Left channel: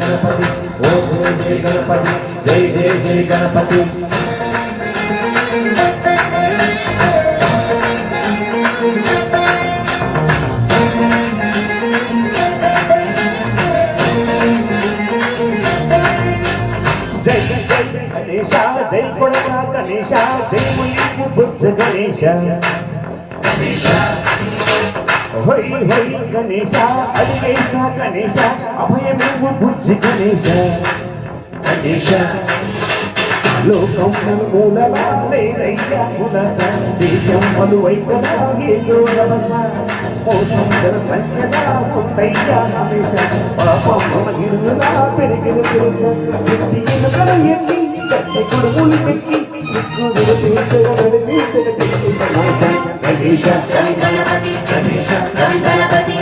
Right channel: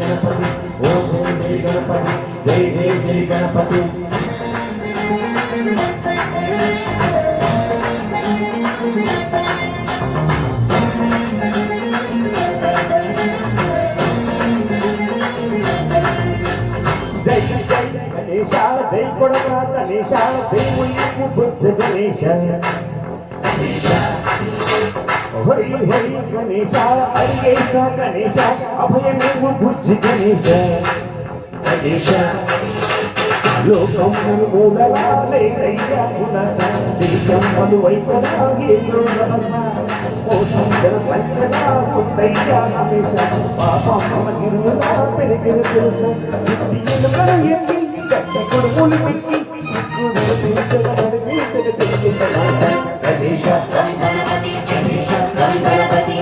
गणपति ओम जय गणपति जय जय जय गणपति जय जय गणेशा जय गुणना गणेशा जय मुनि बुद्ध गणेशा होई होई गणेशा अलिगेस्ता गणेशा अभयमेव बुद्ध गणेशा गणेशा लोकं मूलवाले रैया पुलसा देशं मलुवैकरागे लोलवसा मోసం సంఖ్యలా ఉంటయ్యా హమేష పాపం మనగిరులా పెరిగిన తెలుసా చిట్టి ఎలుకలు ఎత్తి గట్టి కొడుకులు పెక్కి చుట్టూ నడిపి చెయ్యి గణేశ గణేశ గణపతి గణేశ గణపతి